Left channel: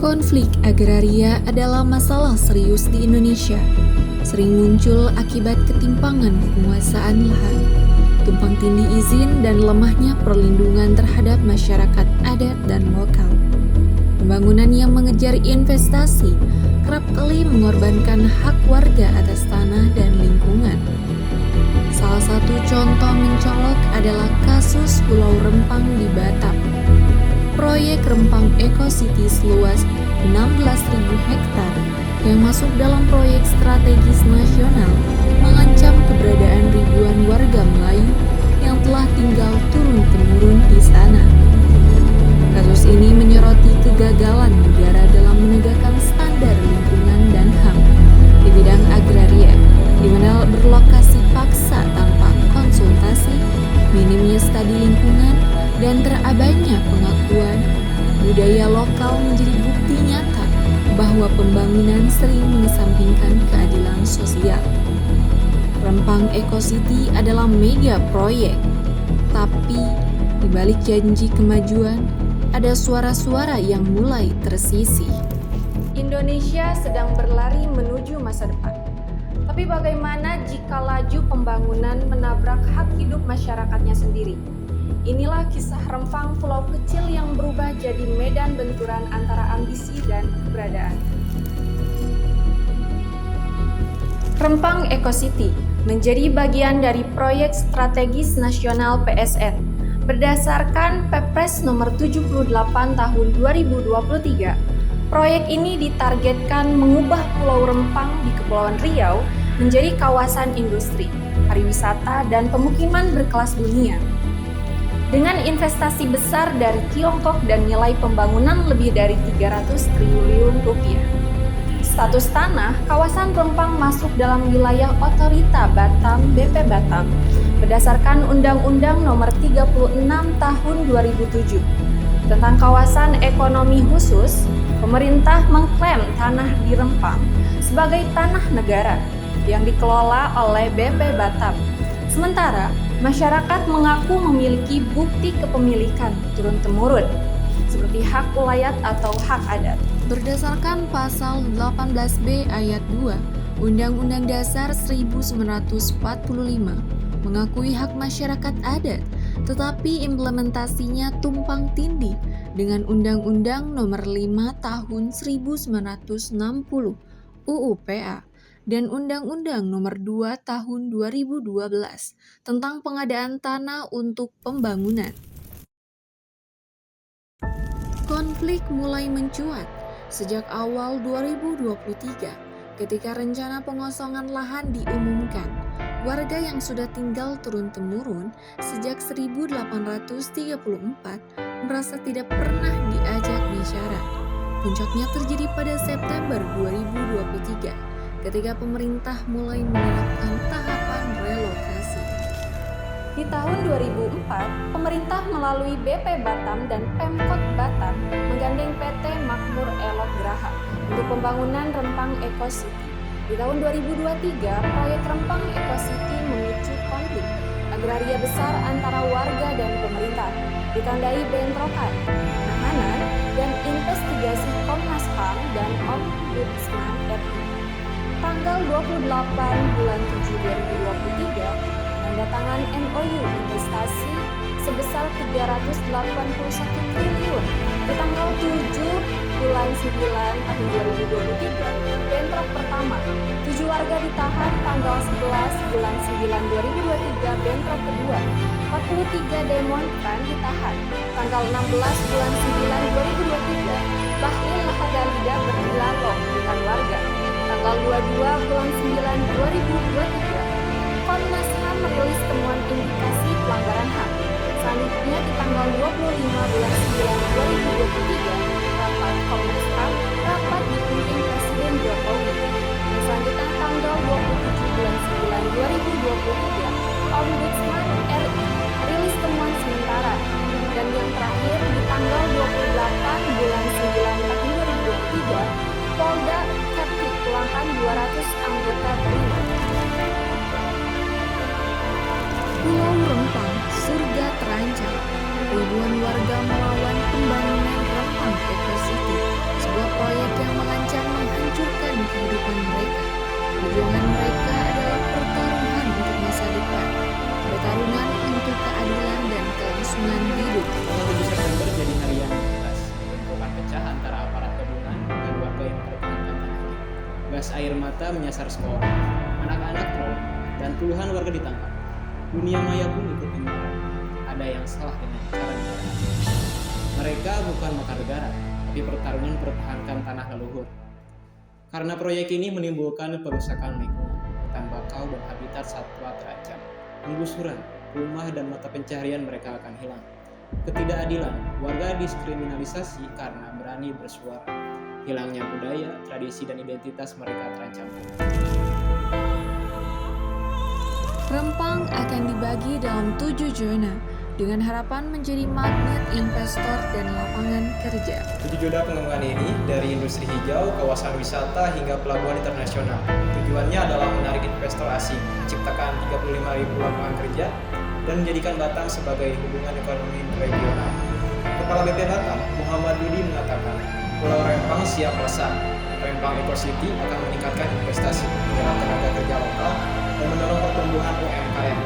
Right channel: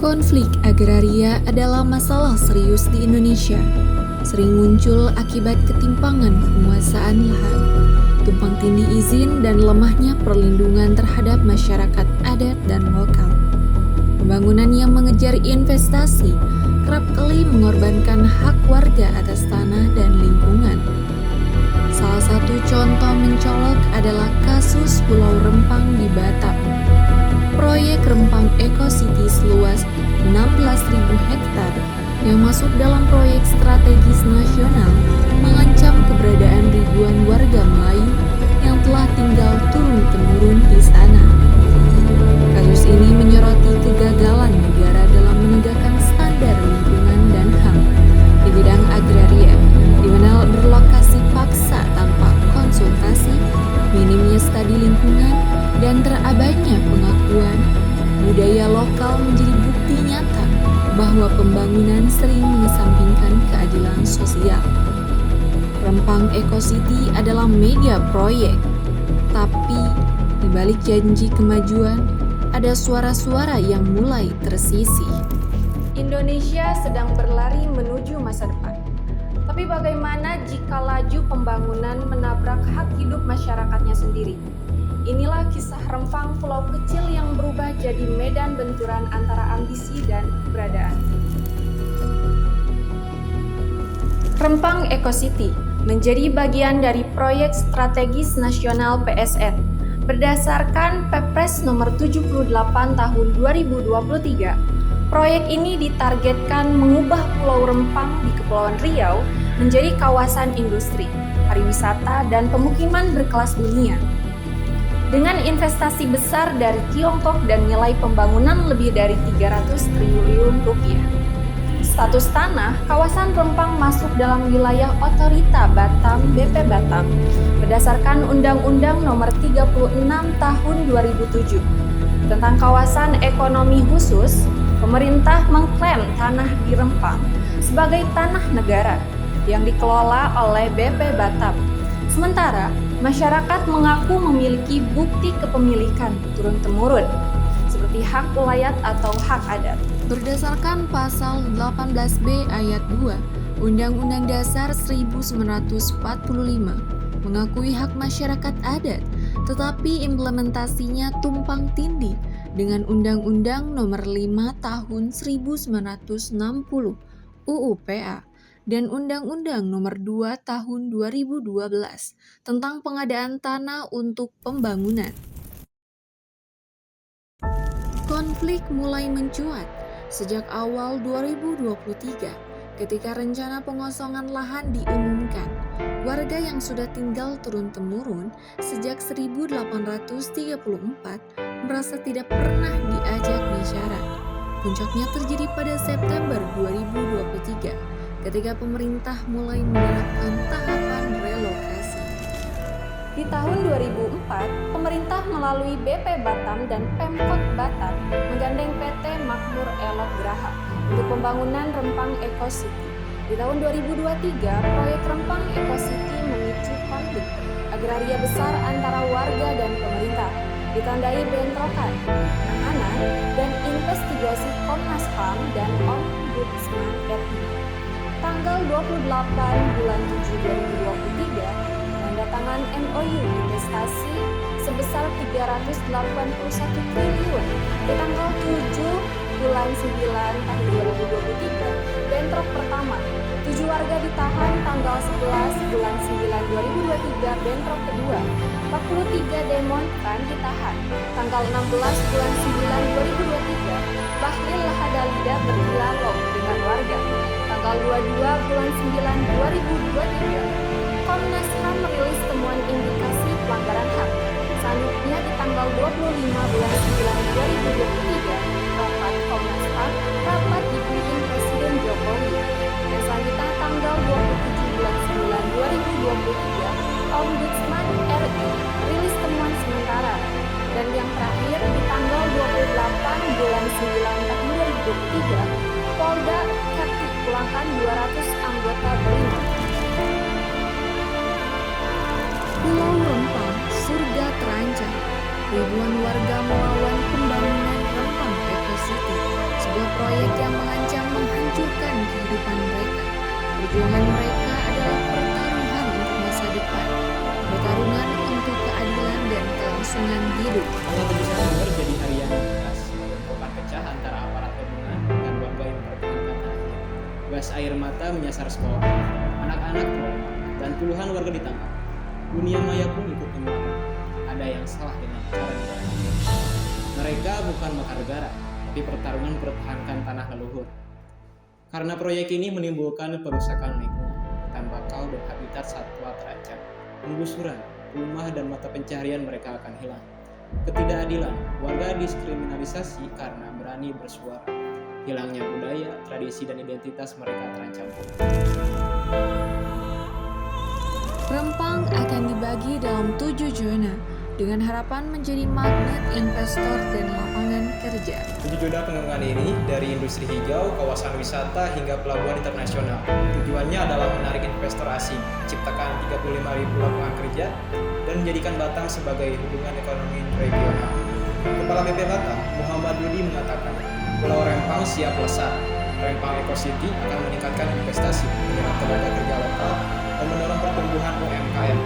Konflik agraria adalah masalah serius di Indonesia. Sering muncul akibat ketimpangan penguasaan lahan, tumpang tindih izin, dan lemahnya perlindungan terhadap masyarakat adat dan lokal. Pembangunan yang mengejar investasi kerap kali mengorbankan hak warga atas tanah dan lingkungan. Salah satu contoh mencolok adalah kasus Pulau Rempang di Batam. Proyek Rempang Eco City seluas 16.000 hektar yang masuk dalam proyek strategis nasional mengancam keberadaan ribuan warga Melayu yang telah tinggal turun-temurun di sana. Kasus ini menyoroti kegagalan negara dalam menegakkan standar lingkungan dan HAM di bidang agraria, di mana berlokasi paksa tanpa konsultasi, minimnya studi lingkungan, dan terabainya pengakuan budaya lokal menjadi bukti nyata bahwa pembangunan sering mengesampingkan keadilan sosial. Rempang Eco City adalah mega proyek, tapi di balik janji kemajuan, ada suara-suara yang mulai tersisih. Indonesia sedang berlari menuju masa depan. Tapi bagaimana jika laju pembangunan menabrak hak hidup masyarakatnya sendiri? Inilah kisah Rempang, pulau kecil yang berubah jadi medan benturan antara ambisi dan keberadaan. Rempang Eco City menjadi bagian dari proyek strategis nasional PSN. Berdasarkan Perpres nomor 78 tahun 2023, proyek ini ditargetkan mengubah Pulau Rempang di Kepulauan Riau menjadi kawasan industri, pariwisata, dan pemukiman berkelas dunia. Dengan investasi besar dari Tiongkok dan nilai pembangunan lebih dari 300 triliun rupiah. Status tanah, kawasan Rempang masuk dalam wilayah Otorita Batam BP Batam berdasarkan Undang-Undang Nomor 36 Tahun 2007 tentang kawasan ekonomi khusus. Pemerintah mengklaim tanah di Rempang sebagai tanah negara yang dikelola oleh BP Batam. Sementara masyarakat mengaku memiliki bukti kepemilikan turun-temurun seperti hak ulayat atau hak adat. Berdasarkan pasal 18B ayat 2 Undang-Undang Dasar 1945 mengakui hak masyarakat adat, tetapi implementasinya tumpang tindih dengan Undang-Undang Nomor 5 Tahun 1960 UU PA dan Undang-Undang Nomor 2 Tahun 2012 tentang pengadaan tanah untuk pembangunan. Konflik mulai mencuat sejak awal 2023 ketika rencana pengosongan lahan diumumkan. Warga yang sudah tinggal turun-temurun sejak 1834 merasa tidak pernah diajak bicara. Puncaknya terjadi pada September 2023 ketika pemerintah mulai menerapkan tahapan relokasi. Di tahun 2004, pemerintah melalui BP Batam dan Pemkot Batam menggandeng PT Makmur Elok Graha untuk pembangunan Rempang Eco City. Di tahun 2023, proyek Rempang Eco City memicu konflik agraria besar antara warga dan pemerintah, ditandai bentrokan, penahanan, dan investigasi Komnas HAM dan Ombudsman RI. Tanggal 28 bulan 7 2023, menandatangan MOU investasi sebesar 381 triliun. Di tanggal 7 bulan 9 tahun 2023, bentrok pertama. 7 warga ditahan. Tanggal 11 bulan 9 2023, bentrok kedua. 43 demonstran ditahan. Tanggal 16 bulan 9 2023, Bahlil Lahadalida berdialog dengan warga. Tanggal 22 bulan 9 2023, Komnas HAM merilis temuan indikasi pelanggaran HAM. Selanjutnya di tanggal 25 bulan 9 2023, rapat Komnas HAM rapat dipimpin Presiden Jokowi. Dan selanjutnya tanggal 27 bulan 9 2023, Ombudsman RI rilis temuan sementara. Dan yang terakhir di tanggal 28 bulan 9 tahun 2023, Polda Kepri pulangkan 200 anggota BRIMOB. Pulau Rempang, surga terancam. ribuan warga melawan pembangunan Rempang Eco City, sebuah proyek yang mengancam menghancurkan kehidupan mereka. Perjuangan mereka adalah pertaruhan untuk masa depan, pertarungan untuk keadilan dan kelangsungan hidup. Tanggal 7 September jadi hari yang membekas. Bentrokan pecah antara aparat gabungan dan warga yang mempertahankan tanahnya. Gas air mata menyasar sekolah, anak-anak trauma, dan puluhan warga ditangkap. Dunia maya pun ikut menyuarakan. Ada yang salah dengan cara negara hari ini. Mereka bukan makar negara, tapi pertarungan mempertahankan tanah leluhur. Karena proyek ini menimbulkan perusakan lingkungan, hutan bakau dan habitat satwa terancam. Penggusuran, rumah dan mata pencaharian mereka akan hilang. Ketidakadilan, warga diskriminalisasi karena berani bersuara. Hilangnya budaya, tradisi dan identitas mereka terancam punah. Rempang akan dibagi dalam 7 zona dengan harapan menjadi magnet investor dan lapangan kerja. 7 zona pengembangan ini dari industri hijau, kawasan wisata hingga pelabuhan internasional. Tujuannya adalah menarik investor asing, menciptakan 35.000 lapangan kerja, dan menjadikan Batam sebagai hubungan ekonomi regional. Kepala BP Batam, Muhammad Rudi mengatakan, Pulau Rempang siap melesat. Rempang Eco City akan meningkatkan investasi, menyerap tenaga kerja lokal, dan mendorong pertumbuhan UMKM.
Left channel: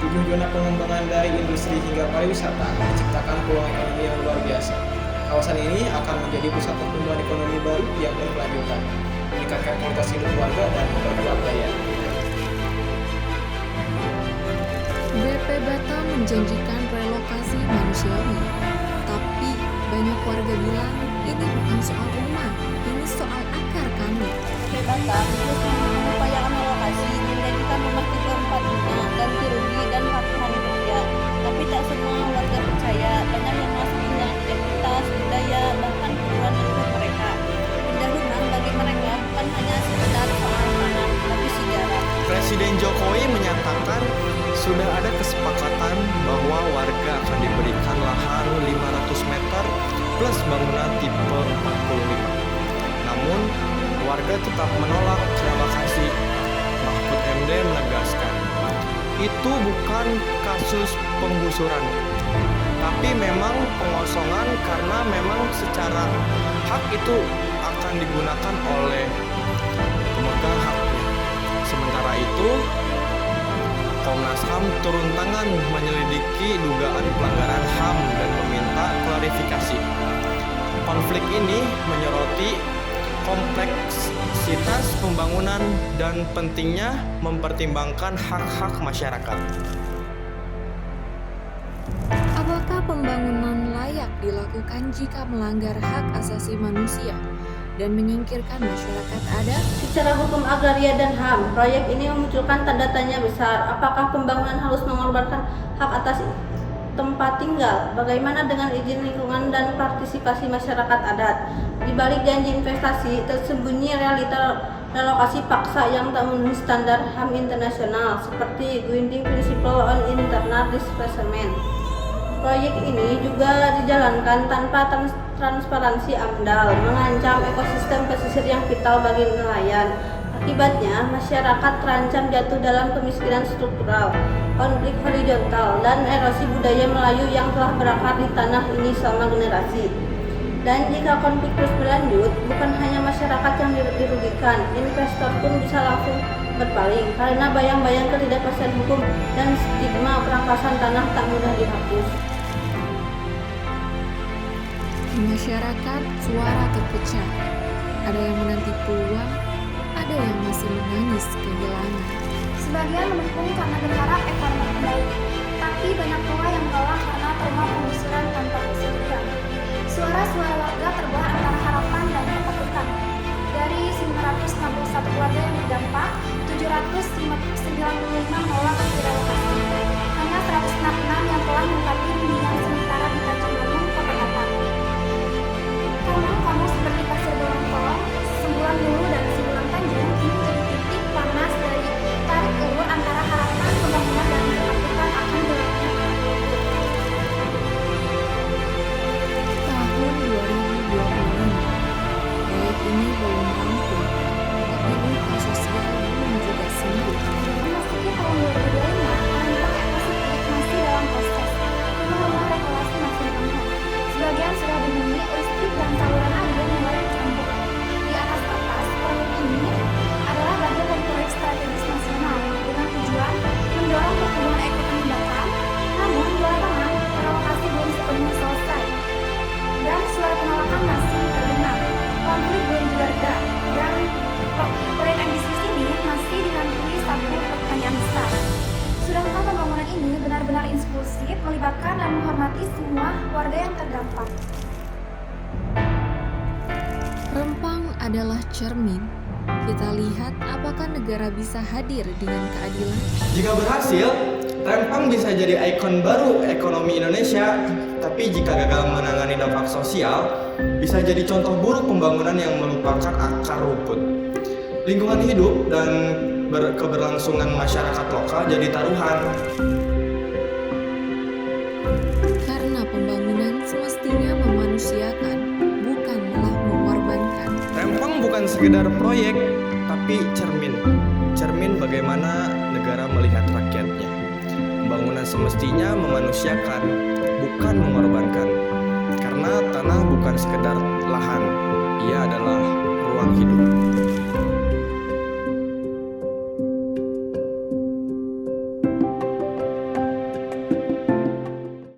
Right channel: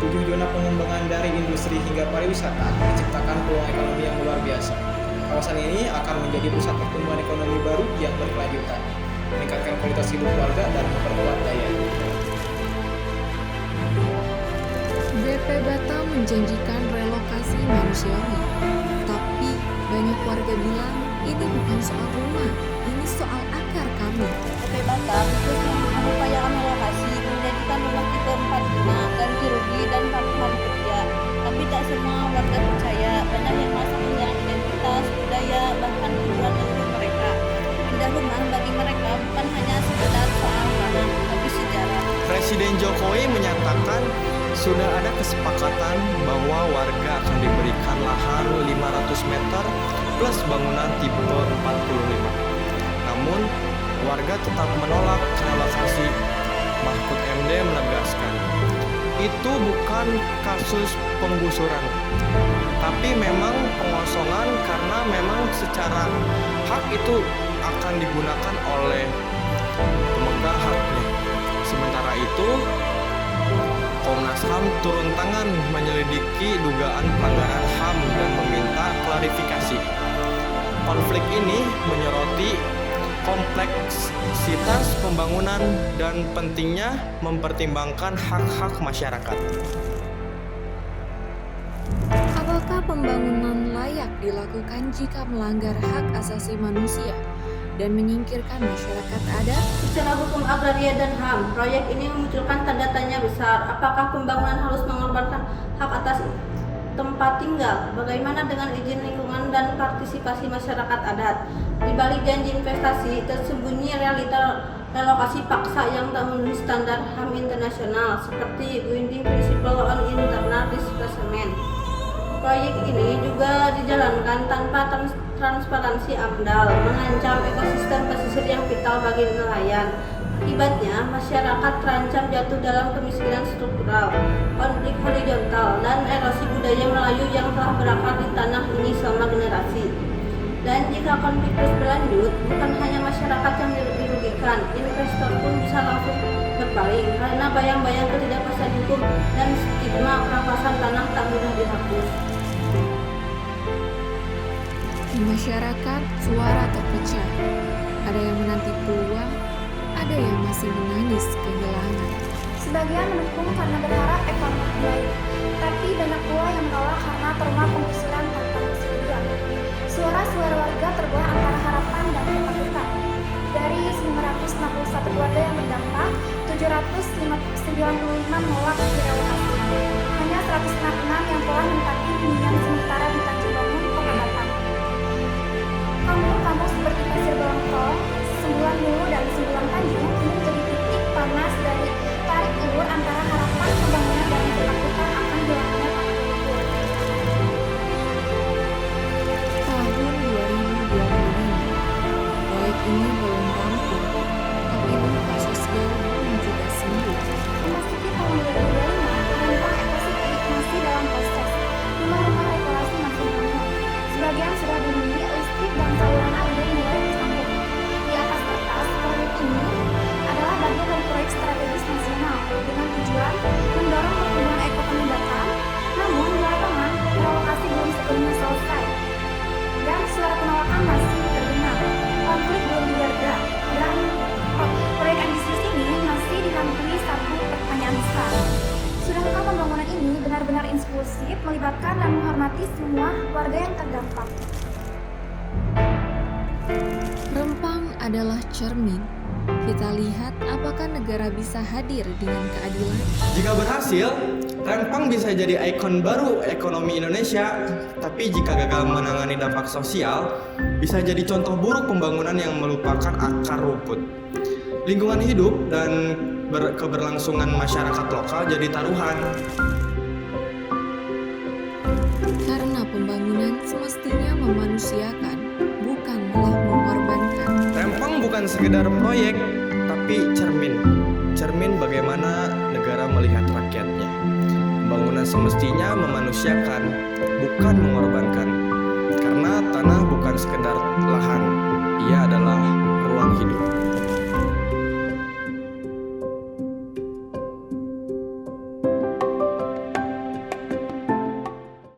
7 zona pengembangan dari industri hingga pariwisata akan menciptakan peluang ekonomi yang luar biasa. Kawasan ini akan menjadi pusat pertumbuhan ekonomi baru yang berkelanjutan, meningkatkan kualitas hidup warga dan memperkuat daya. BP Batam menjanjikan relokasi manusiawi, tapi banyak warga bilang ini bukan soal rumah, ini soal akar kami. BP Batam terus mengupayakan relokasi, menjadikan rumah tipe 45, ganti rugi dan lapangan kerja. Tapi tak semua warga percaya, banyak yang merasa kehilangan identitas, budaya, bahkan kuburan leluhur mereka. Pindah rumah bagi mereka bukan hanya sekedar soal tanah, tapi sejarah. Presiden Jokowi menyatakan sudah ada kesepakatan bahwa warga akan diberikan lahan 500 meter plus bangunan tipe 45. Namun, warga tetap menolak relokasi. Mahfud MD menegaskan, itu bukan kasus penggusuran, tapi memang pengosongan karena memang secara hak itu akan digunakan oleh pemegang haknya. Sementara itu, Komnas HAM turun tangan menyelidiki dugaan pelanggaran HAM dan meminta klarifikasi. Konflik ini menyoroti kompleksitas pembangunan dan pentingnya mempertimbangkan hak-hak masyarakat. Apakah pembangunan layak dilakukan jika melanggar hak asasi manusia dan menyingkirkan masyarakat adat? Secara hukum agraria dan HAM, proyek ini memunculkan tanda tanya besar. Apakah pembangunan harus mengorbankan hak atas tempat tinggal? Bagaimana dengan izin lingkungan dan partisipasi masyarakat adat? Di balik janji investasi, tersembunyi realita relokasi paksa yang tak memenuhi standar HAM internasional, seperti Guiding Principle on Internal Displacement. Proyek ini juga dijalankan tanpa transparansi AMDAL, mengancam ekosistem pesisir yang vital bagi nelayan. Akibatnya, masyarakat terancam jatuh dalam kemiskinan struktural, konflik horizontal, dan erosi budaya Melayu yang telah berakar di tanah ini selama generasi. Dan jika konflik terus berlanjut, bukan hanya masyarakat yang dirugikan, investor pun bisa langsung berpaling karena bayang-bayang ketidakpastian hukum dan stigma perampasan tanah tak mudah dihapus. Di masyarakat, suara terpecah. Ada yang menanti peluang, ada yang masih menangis kehilangan. Sebagian mendukung karena berharap ekonomi membaik, tapi banyak pula yang menolak karena trauma penggusuran tanpa persetujuan. Suara-suara warga terbelah antara harapan dan ketakutan. Dari 961 keluarga yang berdampak, 795 menolak direlokasi. Hanya 166 yang telah menempati hunian sementara di Tanjung Bangun, Kota Batam. Kampung-kampung seperti Pasir Bolongkong, Sembulang Hulu, dan Sembulang Tanjung kini menjadi titik panas dari tarik ulur antara harapan pembangunan dan ketakutan akan hilangnya tanah leluhur. Tahun 2025, proyek ini belum rampung, tapi luka sosial belum juga sembuh. Memasuki tahun 2025, Rempang Eco City masih dalam proses. Rumah-rumah regulasi sebagian sudah dihuni listrik dan saluran air mulai tersambung. Di atas kertas, proyek ini adalah bagian dari proyek strategis nasional dengan tujuan mendorong pertumbuhan ekonomi Batam. Namun di lapangan, relokasi belum sepenuhnya selesai dan suara penolakan masih terdengar. Konflik belum reda dan proyek ambisius ini masih dihantui satu pertanyaan besar. Sudahkah pembangunan ini benar-benar inklusif, melibatkan dan menghormati semua warga yang terdampak? Rempang adalah cermin. Kita lihat apakah negara bisa hadir dengan keadilan. Jika berhasil, Rempang bisa jadi ikon baru ekonomi Indonesia. Tapi jika gagal menangani dampak sosial, bisa jadi contoh buruk pembangunan yang melupakan akar rumput. Lingkungan hidup dan keberlangsungan masyarakat lokal jadi taruhan. Karena pembangunan semestinya memanusiakan, bukan malah mengorbankan. Rempang bukan sekedar proyek, tapi cermin. Cermin bagaimana negara melihat rakyatnya. Pembangunan semestinya memanusiakan, bukan mengorbankan. Karena tanah bukan sekedar lahan, ia adalah ruang hidup.